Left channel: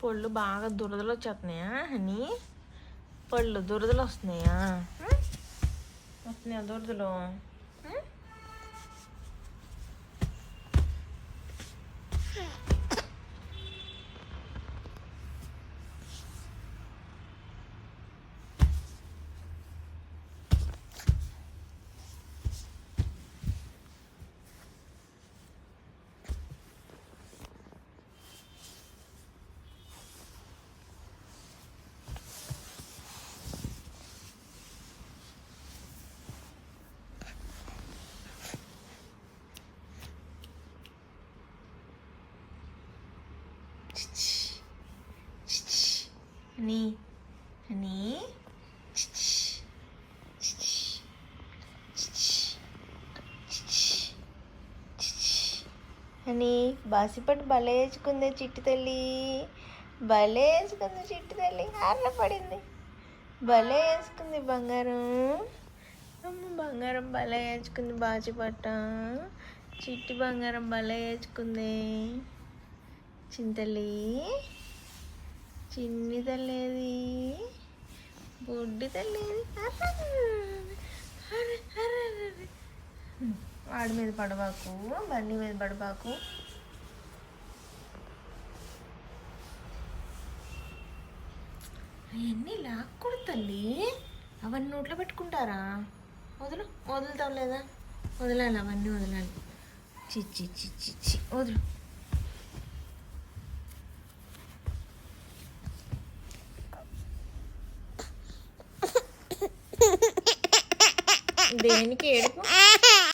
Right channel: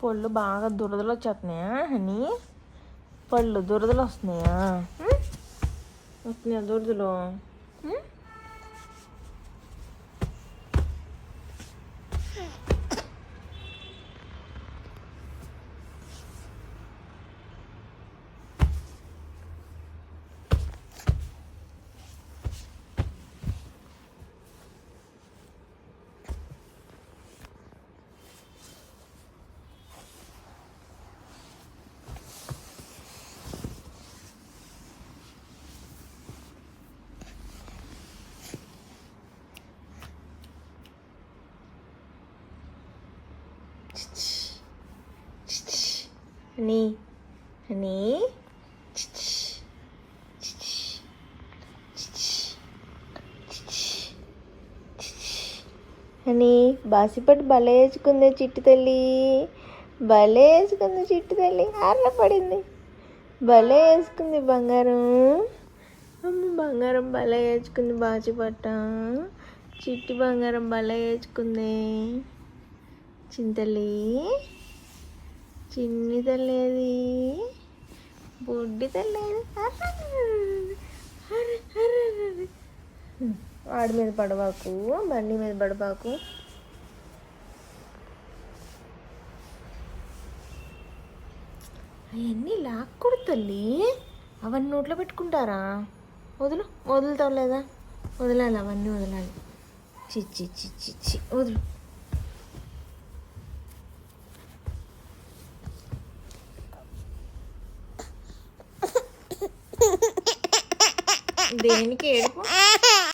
పళ్ళు బాగా దురదలు వచ్చేస్తున్నాయా అని పళ్ళు దురదలు వస్తున్నాయా వస్తున్నాయా దురదలు అని అని అని బాసిపట్టు భలే వేసుకుంది చిట్టి తల్లి భలే వేసుకుంది చిట్టి తల్లి ఆర్ల పడింది భలే వేసుకుంది బంగారం అమ్మ బంగారం భలే వేసుకుంది బాసిపట్ట చిట్టి బంగారం భలే వేసుకుంది చింతల్లి చిన్ని తల్లి అది బొడ్డి తల్లి వాడి మీద పడబాకు బండి మీద పడబాకు అవన్నీ లాక్కూడదు తల్లి అవన్నీ నోట్లో పెట్టుకుంటారా వదులుతావు లేదా వదలాలి అవన్నీ వదలాలి చిచ్చి చిచ్చి చి వదులు దేనికి ఏడుపు